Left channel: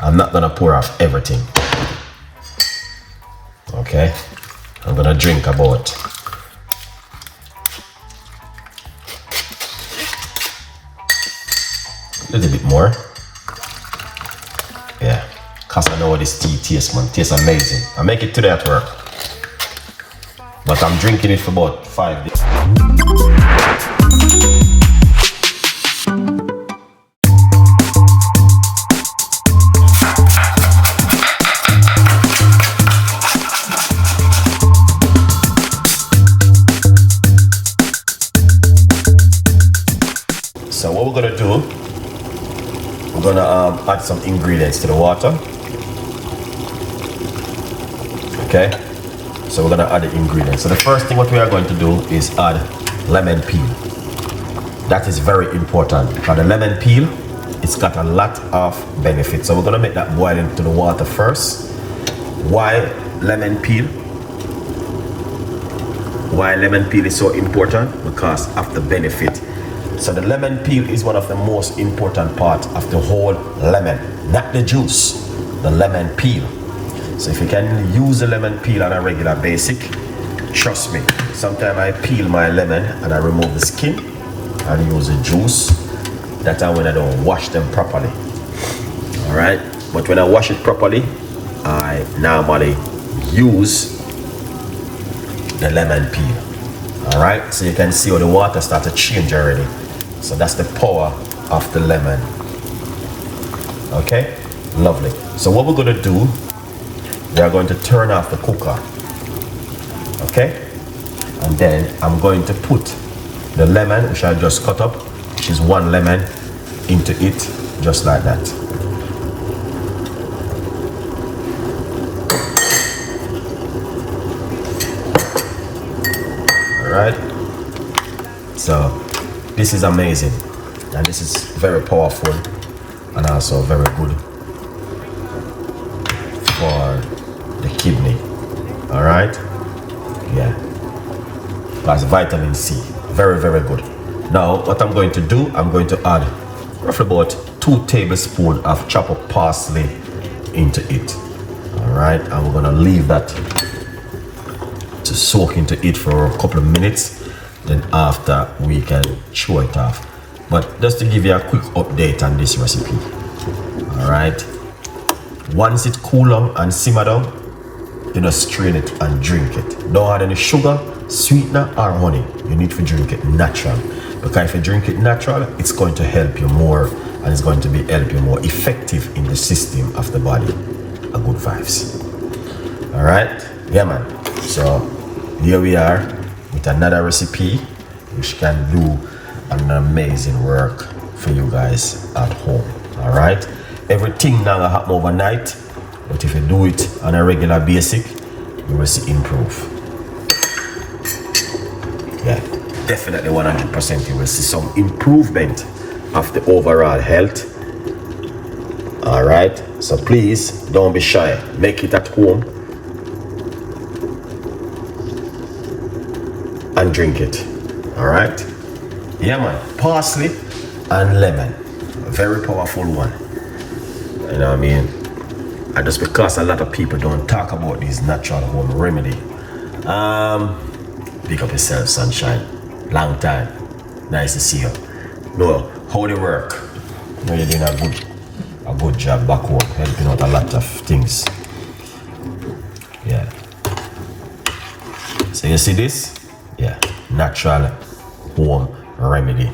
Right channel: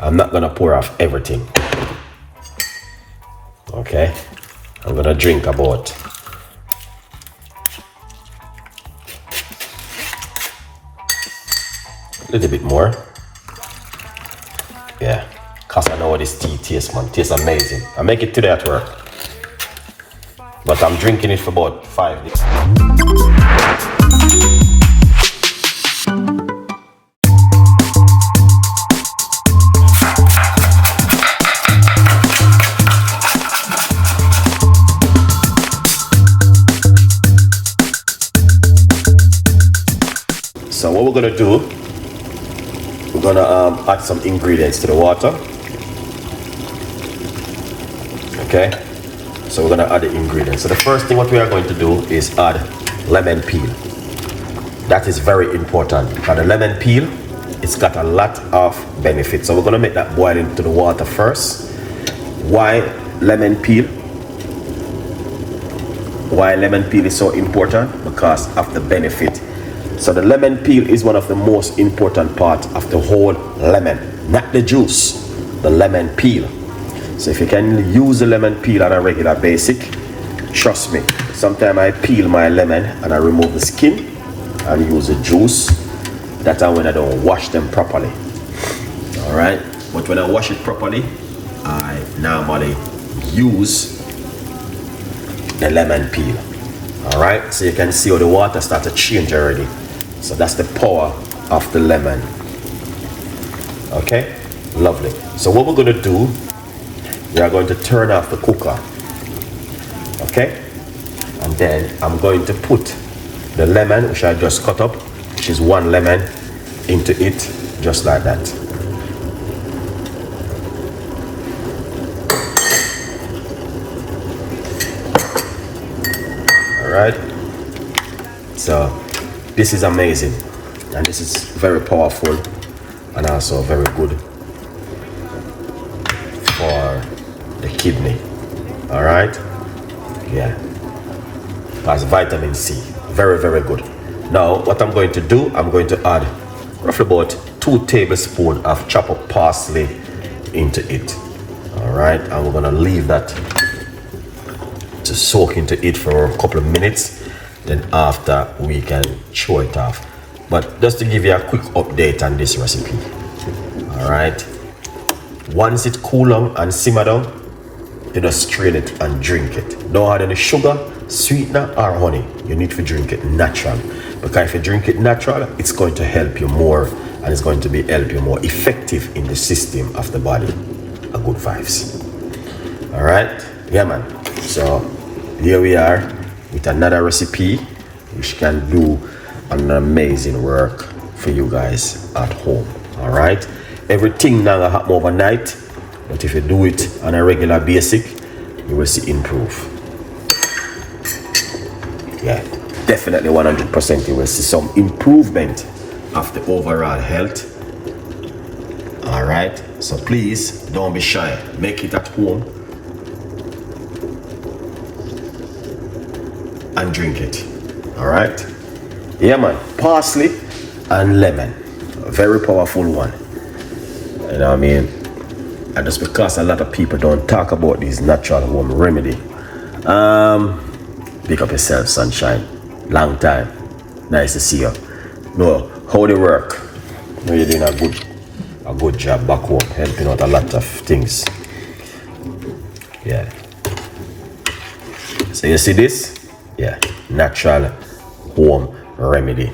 I'm not gonna pour off everything. Okay, I'm gonna drink about a little bit more. Yeah, cause I know this tea tastes, man. Tastes amazing. I make it today at work, but I'm drinking it for about 5 days. So what we're gonna do, we're gonna add some ingredients to the water. Okay, so we're gonna add the ingredients. So the first thing what we are going to do is add lemon peel. That is very important because the lemon peel, it's got a lot of benefits. So we're gonna make that boil into the water first. Why lemon peel? Why lemon peel is so important? Because of the benefit. So the lemon peel is one of the most important parts of the whole lemon, not the juice, the lemon peel. So if you can use the lemon peel on a regular basis, trust me, sometimes I peel my lemon and I remove the skin and use the juice. That's when I don't wash them properly. All right, but when I wash it properly, I normally use the lemon peel. All right, so you can see how the water starts to change already. So that's the power of the lemon. Okay, lovely. So what we're gonna do, we are going to turn off the cooker. Okay, and then I'm going to put the lemon, which I just cut up, which is 1 lemon, into it, just like that. All right. So this is amazing, and this is very powerful, and also very good for the kidney. All right. Yeah. That's vitamin C. Very, very good. Now, what I'm going to do, I'm going to add roughly about 2 tablespoons of chopped up parsley into it. All right, and we're gonna leave that to soak into it for a couple of minutes. Then after we can chew it off. But just to give you a quick update on this recipe. All right. Once it cool down and simmer down, you just strain it and drink it. Don't add any sugar, sweetener, or honey. You need to drink it natural. Because if you drink it natural, it's going to help you more, and it's going to help you more effective in the system of the body. A good vibes. All right. Yeah, man. So here we are with another recipe which can do an amazing work for you guys at home. All right, everything now happen overnight, but if you do it on a regular basis, you will see improve. Yeah, definitely 100% you will see some improvement of the overall health. All right, so please don't be shy, make it at home and drink it. All right. Yeah, man. Parsley and lemon, a very powerful one. You know what I mean? And just because a lot of people don't talk about these natural home remedy. Pick up yourself, sunshine. Long time. Nice to see you. No, how they work? You're doing a good job back home, helping out a lot of things. Yeah. So you see this? Yeah, natural home remedy.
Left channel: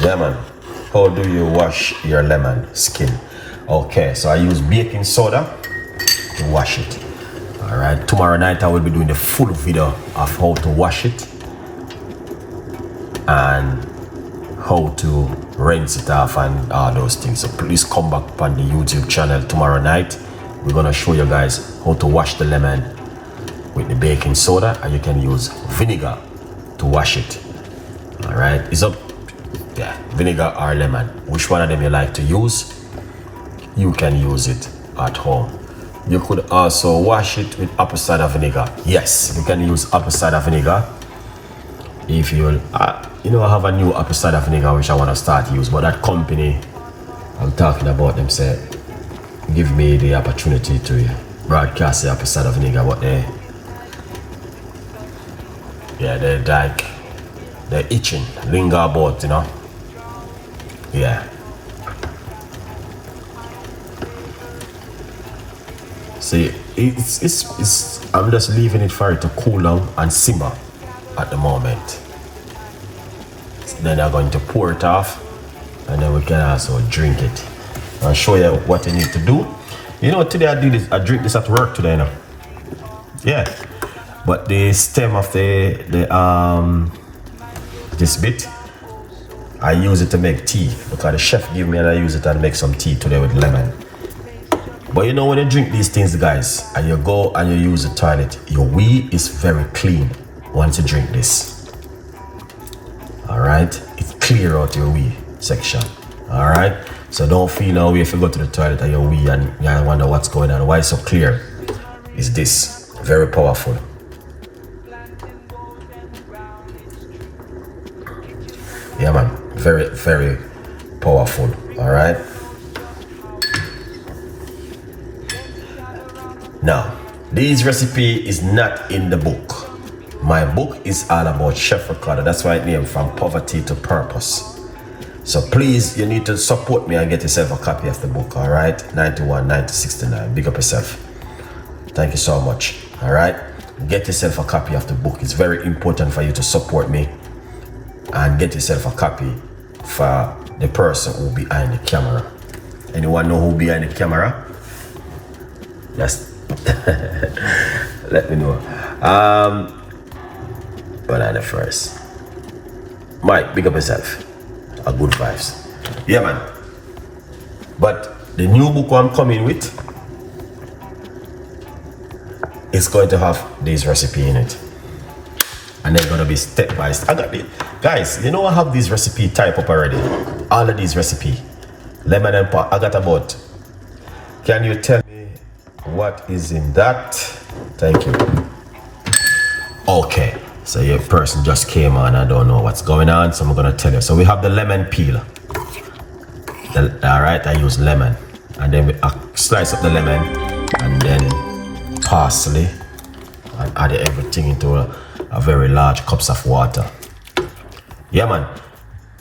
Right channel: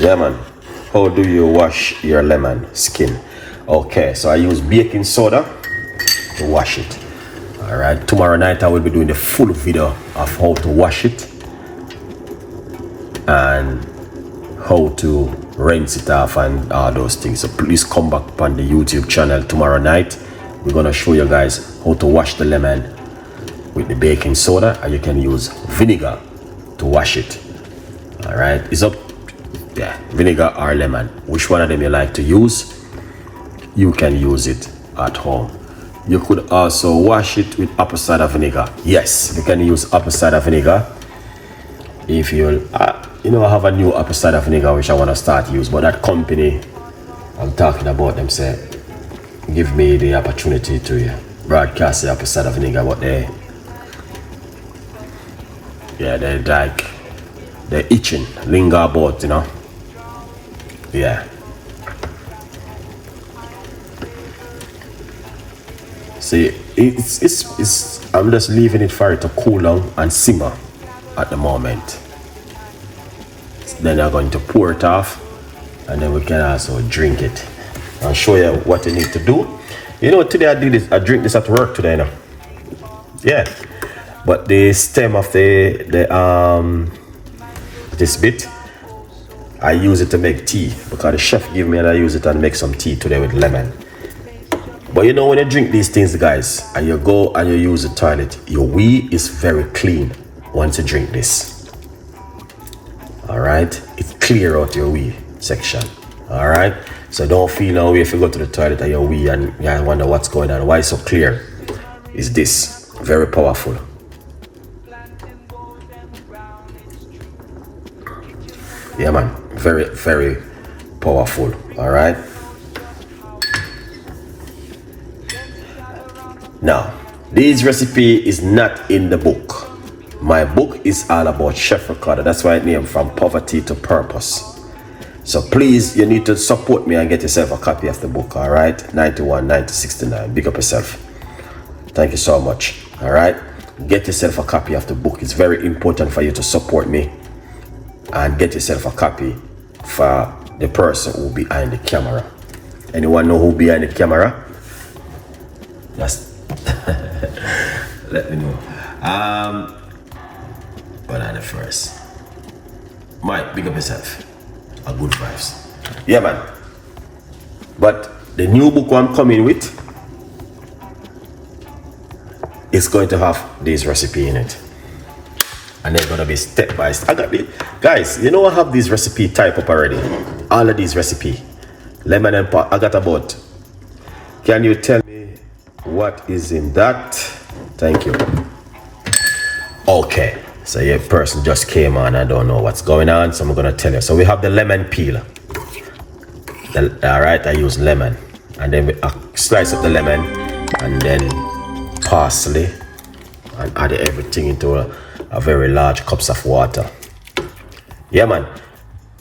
Yeah, man. How do you wash your lemon skin? Okay, so I use baking soda to wash it. All right, tomorrow night I will be doing the full video of how to wash it and how to rinse it off and all those things. So please come back on the YouTube channel tomorrow night. We're gonna show you guys how to wash the lemon with the baking soda, and you can use vinegar to wash it. All right, it's up, yeah, vinegar or lemon, which one of them you like to use, you can use it at home. You could also wash it with apple cider vinegar. Yes, you can use apple cider vinegar if you I have a new apple cider vinegar which I want to start use, but that company I'm talking about them say, give me the opportunity to broadcast the opposite of nigga what they, yeah, they're like, they're itching, linger about, you know. Yeah. See, it's I'm just leaving it for it to cool down and simmer at the moment. Then I'm going to pour it off, and then we can also drink it. I'll show you what you need to do. You know, today I drink this at work today, you know. Yeah. But the stem of this bit, I use it to make tea because the chef gave me and I use it and make some tea today with lemon. But you know, when you drink these things, guys, and you go and you use the toilet, your wee is very clean once you drink this. All right, it clear out your wee section. All right, so don't feel no way if you go to the toilet and your wee and you wonder what's going on. Why it's so clear? Is this very powerful? Yeah, man, very, very powerful. All right. Now, this recipe is not in the book. My book is all about Chef Ricardo. That's why I named From Poverty to Purpose. So please, you need to support me and get yourself a copy of the book. All right, 91, 90, 69. Big up yourself. Thank you so much. All right, get yourself a copy of the book. It's very important for you to support me and get yourself a copy for the person who behind the camera. Anyone know who behind the camera? Yes. Let me know. But on the first, Mike, big up yourself. A good vibes. Yeah, man. But the new book I'm coming with is going to have this recipe in it. And they're gonna be step by step. I got it. Guys, you know I have this recipe type up already. All of these recipe. Lemon and pot. I got about. Can you tell me what is in that? Thank you. Okay. So your person just came on. I don't know what's going on, so I'm gonna tell you. So we have the lemon peel. All right, I use lemon, and then we slice up the lemon, and then parsley, and add everything into a very large cups of water. Yeah, man.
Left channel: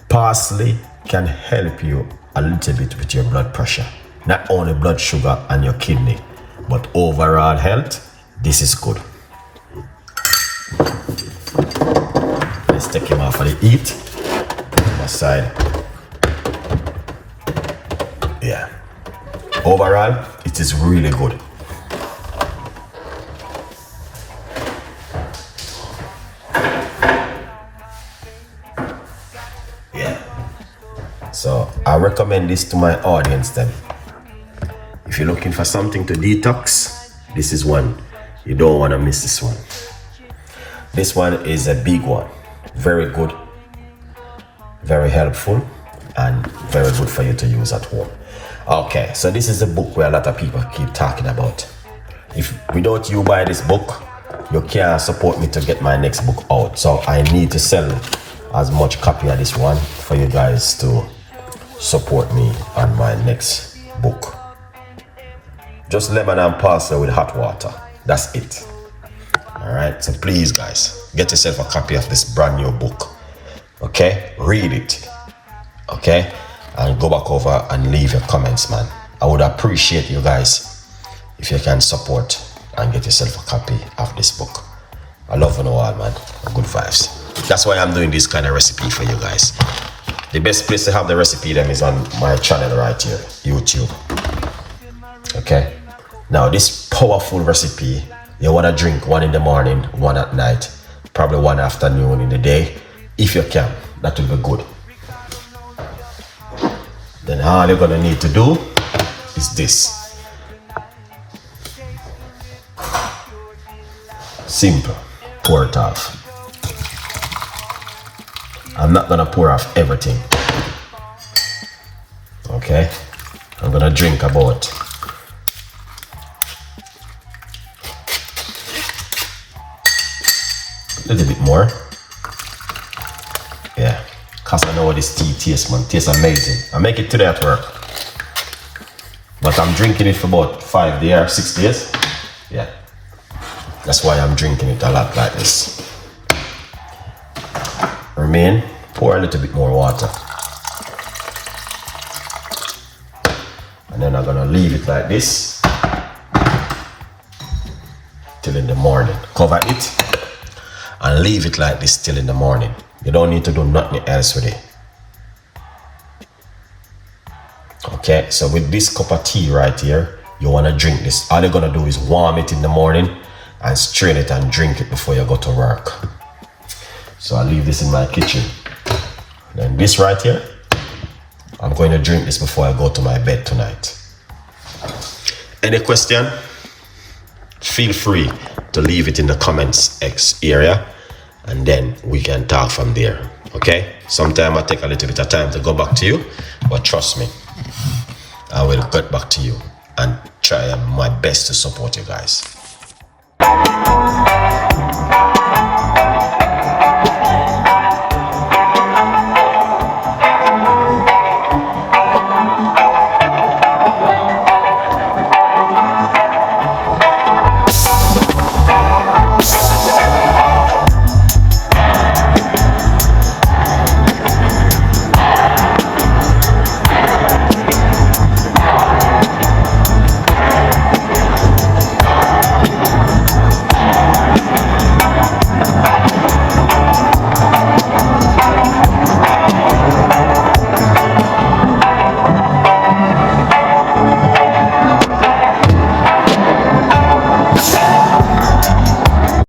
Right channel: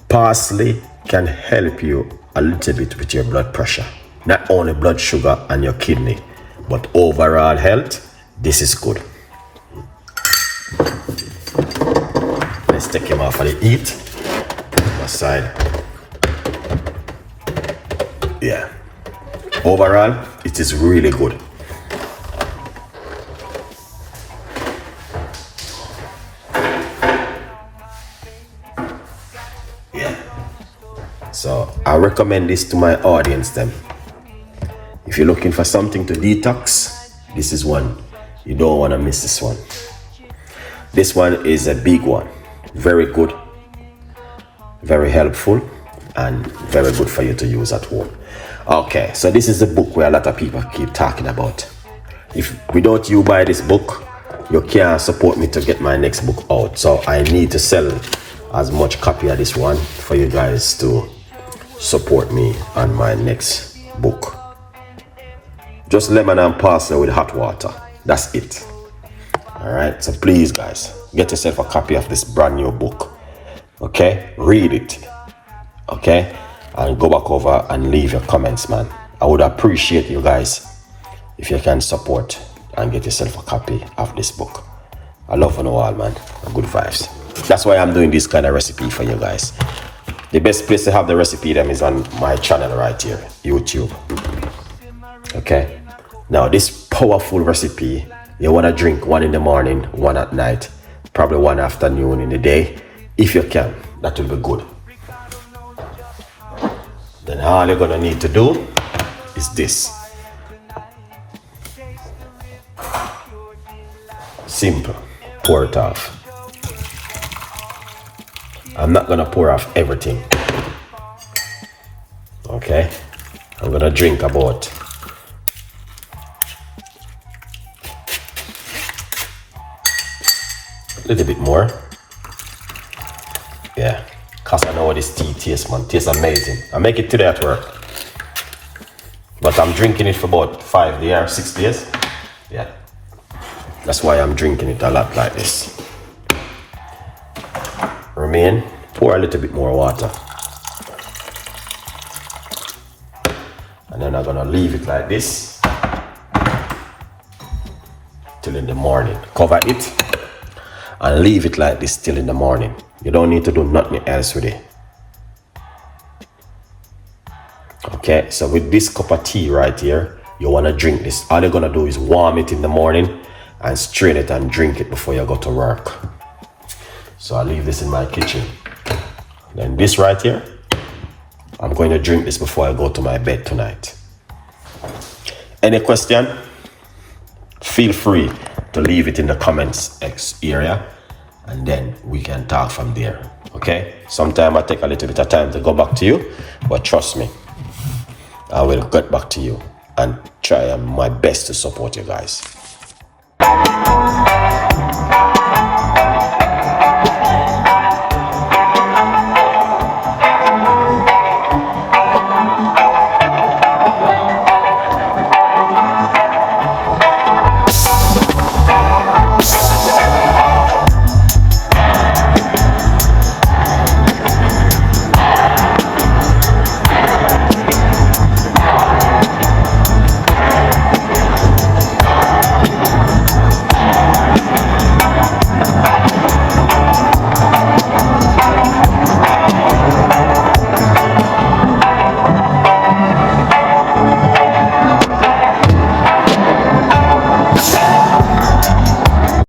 Parsley can help you a little bit with your blood pressure, not only blood sugar and your kidney, but overall health. This is good. Let's take him off of the heat. Aside. Yeah. Overall, it is really good. Yeah. So I recommend this to my audience then. If you're looking for something to detox, this is one. You don't want to miss this one. This one is a big one. Very good, very helpful, and very good for you to use at home. Okay, so this is the book where a lot of people keep talking about. If without you buy this book, you can't support me to get my next book out. So I need to sell as much copy of this one for you guys to support me on my next book. Just lemon and parsley with hot water. That's it. All right, so please guys, get yourself a copy of this brand new book. Okay, read it. Okay, and go back over and leave your comments, man. I would appreciate you guys if you can support and get yourself a copy of this book. I love you all, man. Good vibes. That's why I'm doing this kind of recipe for you guys. The best place to have the recipe then is on my channel right here, YouTube. Okay, now this powerful recipe, you want to drink one in the morning, one at night, probably one afternoon in the day. If you can, that will be good. Then all you're gonna need to do is this. Simple. Pour it off. I'm not gonna pour off everything. Okay? I'm gonna drink about a little bit more. Yeah, cause I know what this tea tastes, man. Tastes amazing. I make it today at work. But I'm drinking it for about 5 days, 6 days. Yeah. That's why I'm drinking it a lot like this. Remain, pour a little bit more water. And then I'm gonna leave it like this till in the morning. Cover it and leave it like this till in the morning. You don't need to do nothing else with it. Okay, so with this cup of tea right here, you wanna drink this. All you're gonna do is warm it in the morning and strain it and drink it before you go to work. So I'll leave this in my kitchen. Then this right here, I'm going to drink this before I go to my bed tonight. Any question? Feel free to leave it in the comments X area and then we can talk from there. Okay? Sometimes I take a little bit of time to go back to you, but trust me, I will get back to you and try my best to support you guys.